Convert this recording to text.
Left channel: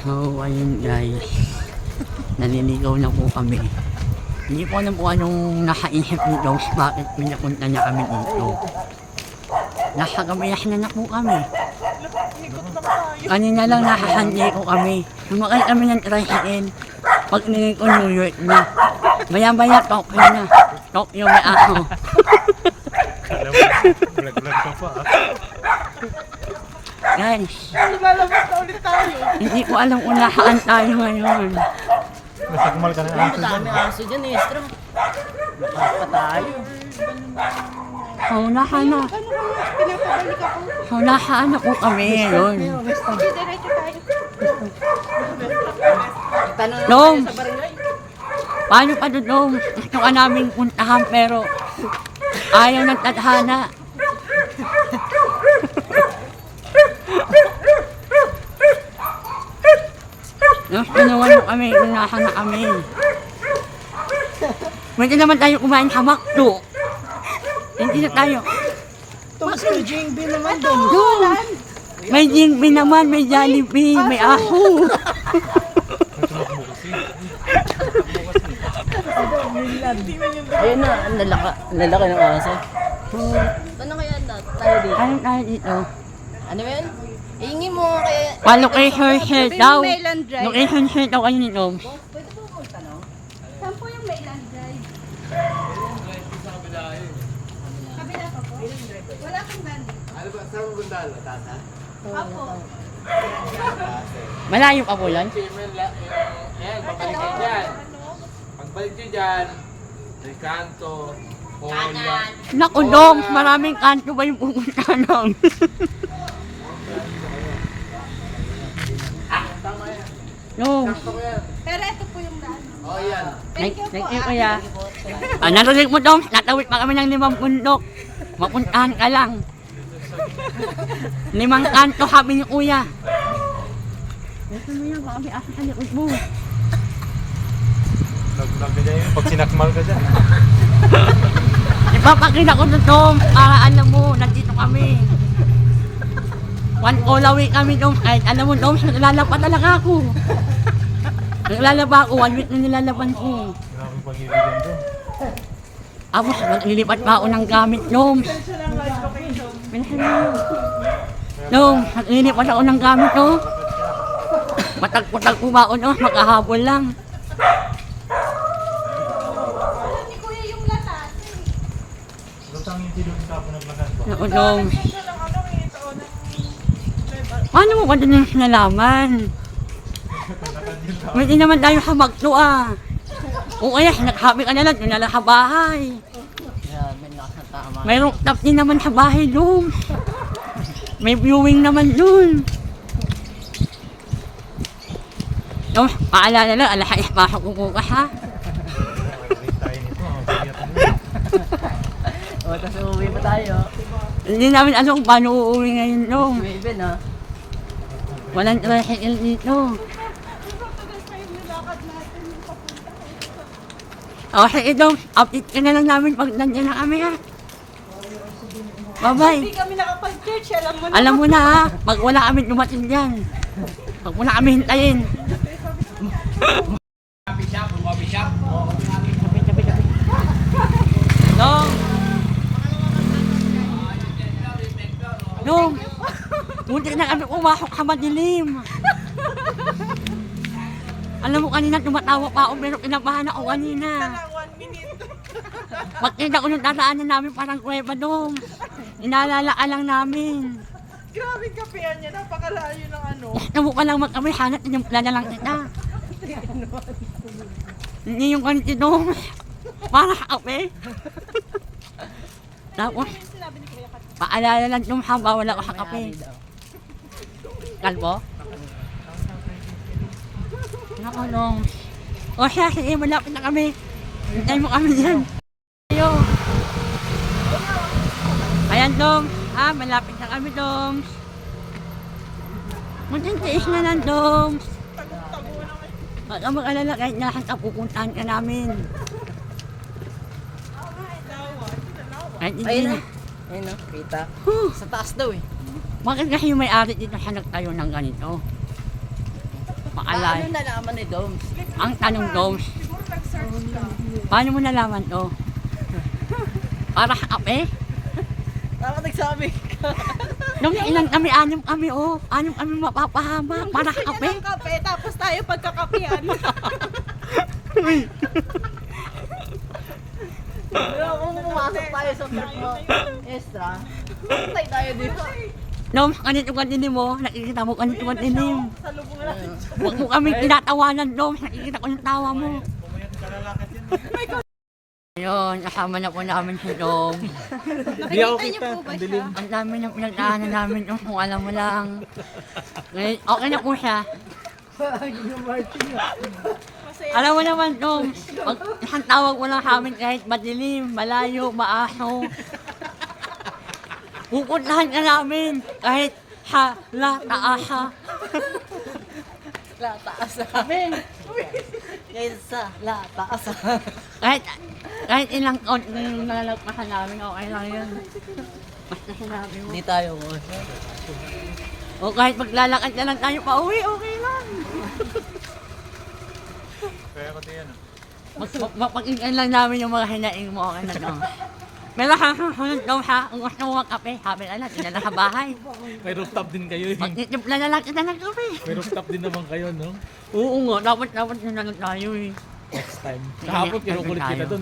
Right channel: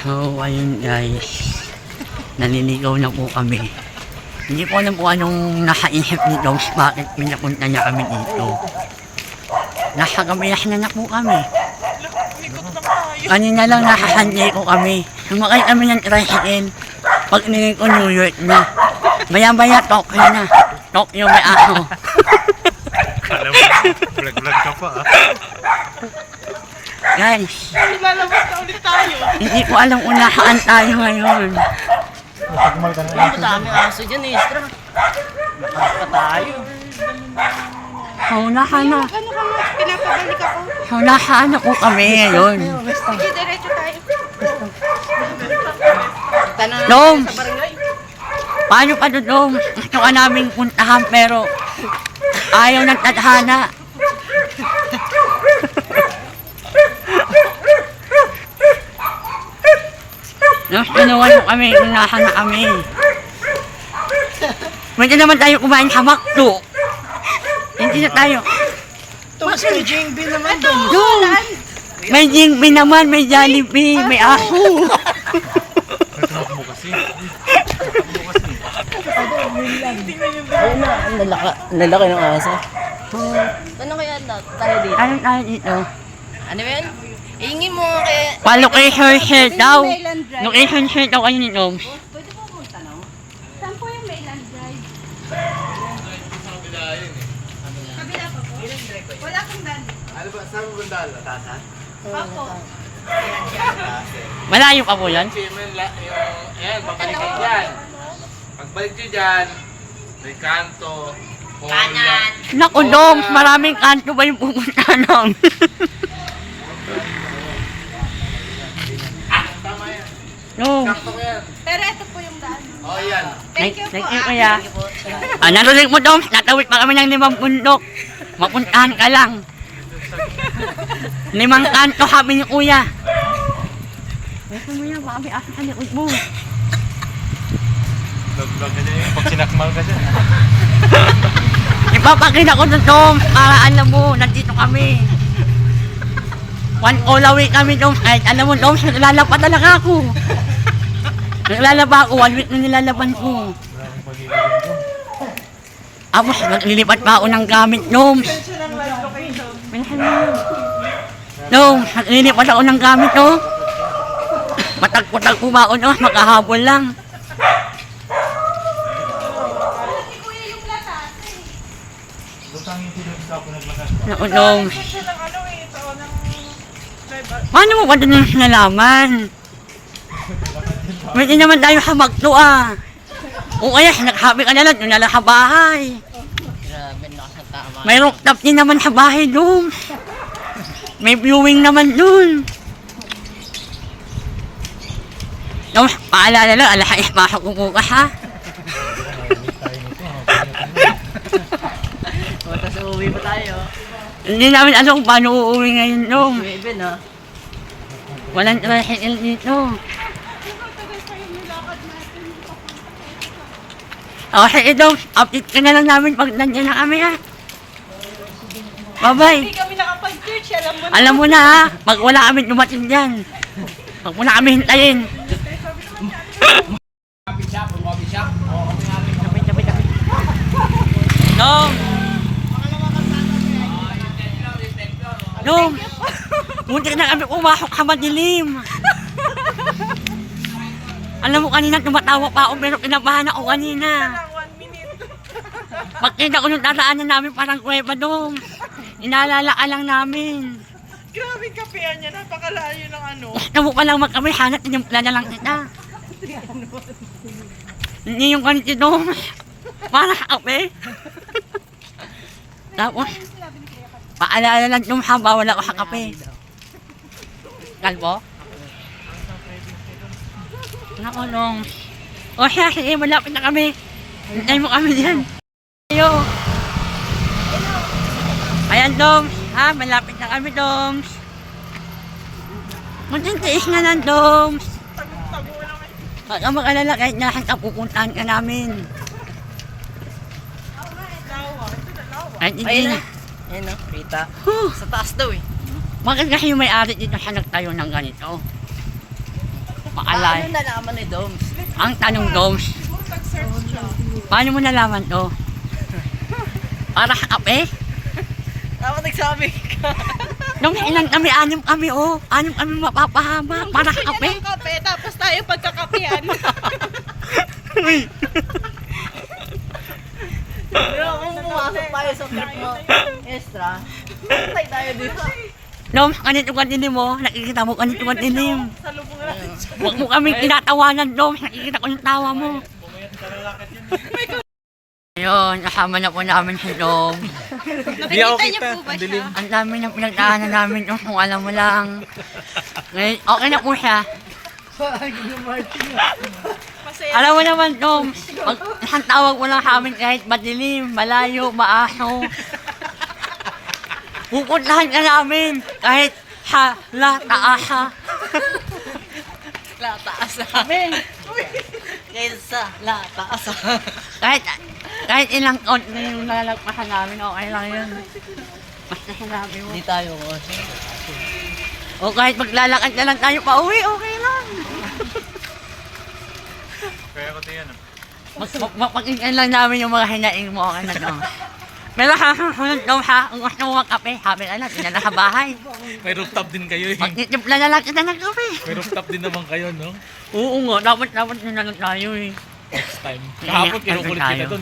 So, ayun guys. Naliligaw na po kami. Hindi ko alam kung anong nakaisip ni Dogs bakit pinapunta niya kami dito. Nasa gabiyahan na po kami. Kanina lang nakasanjay ko kami. Sumakay kami ng tricycle. Pag ningin ko New York na. Maya-maya Tokyo na. Tokyo may aso. Alam mo, vlog-vlog ka pa ah. Guys, Lalabas na ulit tayo. hindi ko alam kung nasaan tayo ngayon. Nasakmal ka na Ang daming aso dyan eh, Estra. Nakas pa tayo. Hawla ka na. Ano kaya? Pinapabalik ako. Hawla ka na po kami ngayon. Sige, diretso tayo. Tanong Dom! sa barangay. Paano pa doon, Dom? Gusto ka naming puntahan pero ayaw ng tadhana. Nung tinuwan mo kami, unahan na kami. Pwede naman tayo kumain sa McDo. Hindi na tayo. Tapos may JB naman doon. Dom! May Jingbi naman, may Jollibee, may aso. Nagtawag mo kasi. Ayun na, ang lalaki ng aso. Ano kaya tayo dito? Ano tayo dito? Ano ba yan? Iingi mo kaya... Pa-location share daw. Mainland Drive. Location share daw kayo ni Doms. Saan po yung Mainland Drive? Kabila pa po? Wala kang daan. Ano ba? Saan mo banda? Tasa? Opo. Malayo pa po yan? Ayan, babalik kayo dyan. Pagbalik nyo dyan, may kanto, kanan. Naku, Doms, maraming kanto ba yung pupunta namin? Tama yan. No. Sakto ko yan. Pero ito po yung daan. O, yan. Thank you po. Thank you, kuya. Narinig mo, Doms, natawid pa kami ng 5 bundok. Mapuntahan ka lang. 5 kanto kami ni kuya. Gusto mo yan, baka may asa sa likod mo. Vlog-vlog ka dyan. Pag sinakmal ka dyan. Ipapakita ko doon, Doms, para alam mo, nandito kami. 1 call away kami, Doms. Kahit alam mo, Doms, naglalaba talaga ako. Naglalaba ako, 1 week na nilalaban ko. Maraming pag-ibigyan dyan. Tapos, naglilipat pa ako ng gamit, Doms. Minsan mo yun. Doms, naglilipat ako ng gamit, no? Matag-patag ko ba ako, Doms? Makahabol lang. Lutang yung tilo sa ako naglakas ba? Naku, Doms. Paano mo ba doon yung nalaman? Pwede naman tayo hamagto ah. O kaya, naghabi ka na lang, doon na lang sa bahay. Grabe, nakakatama. May rooftop din naman sa bahay, Doms. May viewing naman doon. Doms, paalala lang, alahais pasok ko bukas ha. Wait tayo nito. Pagyatin mo. O, tapos uuwi pa tayo. Hindi namin alam kung paano uuwi ngayon, Doms. Maybe, no? Walang tricycle dito. O, sige, Doms, update ka na lang namin pag nandiyan na kami ha. Bye-bye. Hindi kami nakapag-church. Alam mo. Alam mo na ha, pag wala kami dumating dyan. Pag wala kami hintayin. Sabay. Dom! Dom! Muntik na kami pumasok sa madilim. Alam mo kanina tumatawa pa ako pero kinabahan ako kanina. Pagkita ko nung tataanan namin parang kuweba, Dom. Inaalala ka lang namin. Grabe kapehan niya. Napakalayo ng ano. Gusto mo pa lang magkami, hanap tinimpla na lang kita. Hindi yung ganito, Dom. Para sa kape. Tapos, paalala lang Dom ha, bawal ako sa kape. Kalbo? Nako, Dom. O siya, sige, malapit na kami. Hintay mo kami dyan. Ayo. Ayan, Dom. Ha, malapit na kami, Doms. Magtintiis na lang, Doms. Huwag kang mag-alala kahit nahan ka, pupuntahan ka namin. Kahit hindi na. Ayun, no? Rita. Huh. Sa taas daw eh. Bakit kasi yung may-ari dito siya nagtayo ng ganito? Maalay. Paano nalaman ni Doms? Ang tanong, Doms, Siguro nag-search siya. paano mo nalaman to? Para sa kape? Dapat nagsabi ka. Nung ilan kami, 6 kami, oh. 6 kami mapapahama para sa kape. Yan ang kape, tapos tayo pagkakapian. Pero kung pumasok tayo sa part mo, extra, patay tayo dito. Doms, ganito kaninin mo, nakikita mo ganito kaninin. Sa lubong natin siya. Huwag mo kaming tinatawanan, Doms, nakikita ko yung tawa mo. Ayun, kasama na po namin si Doms. Nakikita niyo po ba siya? Ang dami ng pinagdaanan namin, Doms, kung alam mo lang. Ngayon, okay na po siya. Masaya. Alam mo naman, Doms, pag isang tawag mo lang sa amin kahit madilim, malayo, maaso. Pupuntahan ka namin kahit sa taasa. Lataasa. Kaysa lataasa. Kahit ilang taon na yung nalalagpasan namin, okay lang yun. Basta sinabi mo. Hindi tayo. O kahit maglalakad na lang tayo pa uwi, okay lang. Kaya ko tayo ano. Mapakinggan lang namin yung mga hinaing mo, okay na lang. Pero sa susunod daw ha, kung gusto mo magkape, sabi ka na, tingnan na sa bahay. May rooftop din kayo eh. Magtitimpla na lang kita ng kape. May rooftop din naman kayo, no? Oo nga, dapat yun na lang tayo eh. Next time. Kahapon kinukulit kita doon.